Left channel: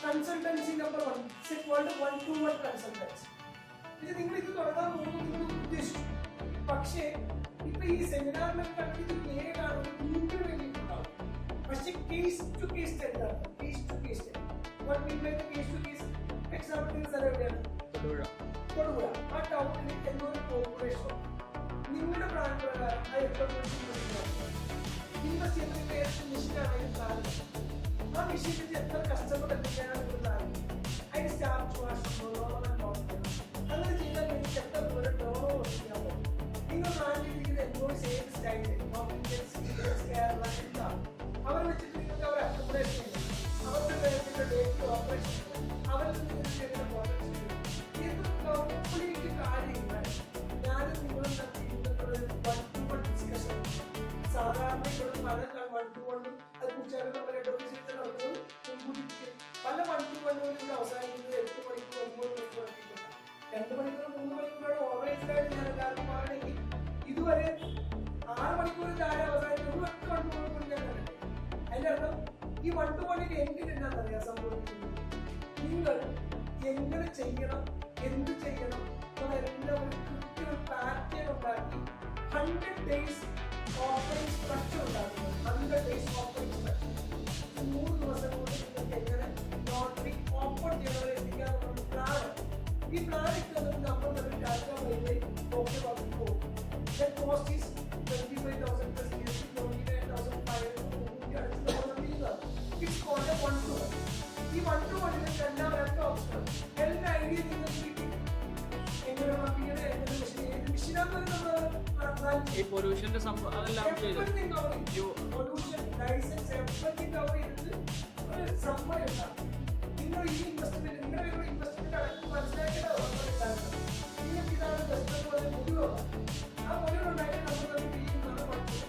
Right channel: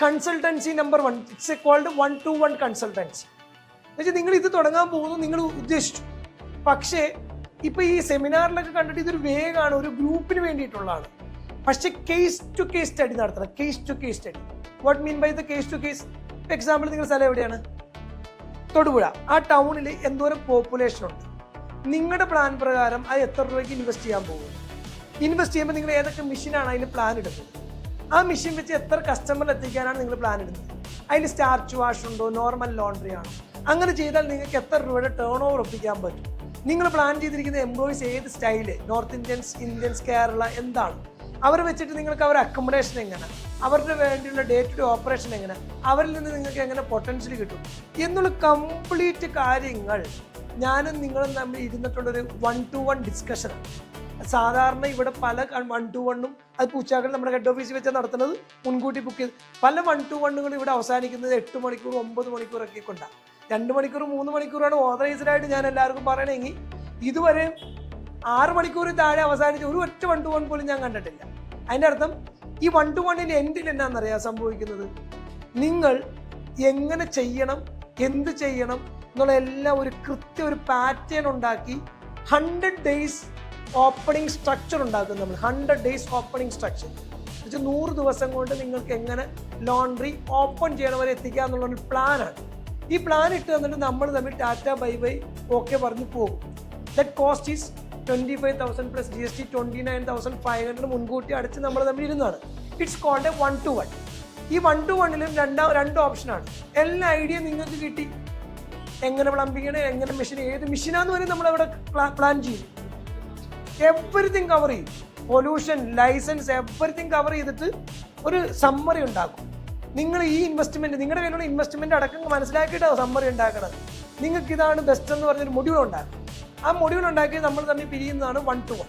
Consultancy number 1, it's called 1-to-1 consultancy. എന്നുവെച്ചാൽ നിങ്ങൾ ഇത് തുടങ്ങാൻ പോകുന്നു, നിങ്ങൾ ഉദ്ദേശിച്ചു. പക്ഷേ ഇപ്പൊ ഈ സെമിനാറിലൊക്കെ കണ്ടിട്ട് ഇതൊരു വേഗമാണ്, ഒരു ഗ്രൂപ്പിന് വേണ്ടിയിട്ടുള്ളതാണ്. പക്ഷെ കേസ് ടു കേസ് സ്റ്റഡി നടത്തണം. Case to case study. What mean by the case to case? Example, നിങ്ങളുടെ സ്ഥലം എവിടെയാണ്? തൊടുപുഴ. ആ ടൗണിൽ എന്തോരം പോപ്പുലേഷൻ ഉണ്ട്? നിങ്ങളുടെ പ്ലാൻ പ്രകാരം അത് എത്ര രൂപയ്ക്ക് ഇൻവെസ്റ്റ് ചെയ്യാൻ പോകും? ഇൻവെസ്റ്റ് ചെയ്യുമ്പോൾ നിങ്ങൾ ഏതൊക്കെ മെഷീനാണ് അതിൽ പ്ലാൻ ഇടുന്നത്? ആ മെഷീൻ വെച്ച് എത്ര കസ്റ്റമറിൽ എത്തിക്കാനാണ് നിങ്ങൾ പ്ലാൻ ഇടുന്നത്? അതിൽ സ്റ്റാർച്ച് വാഷ് ഉണ്ടോ, നോർമൽ ലോണ്ടറി ആണോ? അങ്ങനെ ചെയ്താൽ നിങ്ങൾക്ക് എത്ര രൂപയുടെ ടേൺ ഓവർ ഒപ്പിക്കാൻ പറ്റും? നിങ്ങൾ പ്ലാൻ ചെയ്തിരിക്കുന്ന എംപ്ലോയീസ് ഏത് style, north Indians, Indians, Kerala, എന്താണ്? അവർ വെച്ചിട്ട് നിങ്ങൾക്ക് അവരുടെ അക്കോമഡേഷൻ എങ്ങനെ, അവരുടെ വേണ്ടിയുള്ള ഡേ ടു ഡേ ഓപ്പറേഷൻ എങ്ങനെ, അവരിൽ നിന്ന് നിങ്ങൾക്ക് എങ്ങനെ പൊട്ടൻഷ്യൽ കിട്ടും എന്നുള്ള കംപ്ലീറ്റ് കാര്യങ്ങൾ ഞാനും നിങ്ങളും തമ്മിൽ ഇരുന്നിട്ടുള്ളൊരു 1-to-1 ഡിസ്കഷൻ. സാധാരണ ഇവിടെ പല 1-to-1ഉം അത് പൂച്ചാക്കൾ നമ്മുടെ ഹെഡ് ഓഫീസിൽ വെച്ചാൽ നടത്തുന്നത്, മുൻകൂട്ടി ബുക്ക് ചെയ്ത്. പല 1-to-1കൾ ഇവിടെ അവസാനിക്കുന്നത് 8 മണിക്കൂർ 9 മണിക്കൂറൊക്കെ കൊണ്ടാണ്. 2 മണിക്കൂർ 3 മണിക്കൂറാണ് ഓതറൈസ്ഡ് ആയിട്ട് ഞാൻ എല്ലാവർക്കും പറയണമെങ്കിൽ. ഇതുവരെ 6 മണിക്കൂറിൽ താഴെ അവസാനിച്ച് ഒരു ഒറ്റ 1-to-1 പോലും ഞാൻ കണ്ടിട്ടില്ല. അതിൻ്റെ അർത്ഥം ഈ 1-to-1ൻ്റെ എൻഡിൽ എന്നാണെന്നറിയാൻ സംഭവിക്കുന്നത്, നിങ്ങൾ എങ്ങനെ ചെയ്യണം, എന്ത് ചെയ്യണം എന്നുള്ള എല്ലാം ഒരു ഒരു പാറ്റേൺ ഉണ്ടാക്കി 100 days ഓപ്പണിംഗ് സ്ട്രക്ചർ ഉണ്ടാക്കും നമ്മൾ. 100 days ഓപ്പണിംഗ് സ്ട്രക്ചർ 100 ദിവസം കൊണ്ട് നിങ്ങൾക്ക് എങ്ങനെ ലോണ്ടറി ഓപ്പൺ ചെയ്യണ വരെ എത്തിക്കുക എന്നുള്ളൊരു പ്ലാനാണ്. ഈ പ്ലാൻ ഇട്ട് തന്നിട്ട് നമ്മൾ തമ്മിൽ ടാറ്റ ബൈ ബൈ ഓക്കെ പറഞ്ഞ് പോകും. That cost is 25,000 plus GST 29,500 മുൻകൂട്ടി അടച്ച് നമ്മൾ തമ്മിൽ ഇരുന്നതാണ്. It's called A 1-to-1. ഈ 1-to-1ലും രണ്ട് ഓപ്ഷനാണ്. എല്ലാ ഐഡിയ നിങ്ങൾക്ക് കിട്ടി. എങ്ങനെ പ്ലംബിംഗ് ചെയ്യണം, എങ്ങനെ മെഷീൻ, ഏത് മെഷീനാന്ന് വരെ നമ്മളവിടെ പ്ലാൻ ചെയ്യും. എവറിത്തിങ് കവർ ചെയ്യും. പൊല്യൂഷൻ, ലൈസൻസ്, എവറിത്തിങ് കവർ ചെയ്തിട്ട് ഒരു സമ്മറി ഉണ്ടാക്കും. നിങ്ങൾ ഈ ഇൻവെസ്റ്റ്മെന്റ്, നിങ്ങളുടെ കയ്യിലുള്ള ഇൻവെസ്റ്റ്മെന്റ് അടക്കം മനസ്സിലാക്കിയിട്ടാണ് സമ്മറി ഉണ്ടാക്കുന്നത്. നിങ്ങൾക്ക് ഇതാണ് ബെസ്റ്റ് എന്ന് പറഞ്ഞൊരു മൊഡ്യൂൾ ഉണ്ടാക്കും. ആ മൊഡ്യൂൾ ഉണ്ടാക്കി നമ്മൾ തമ്മിൽ പിരിയുന്നതാണ് 1-to-1.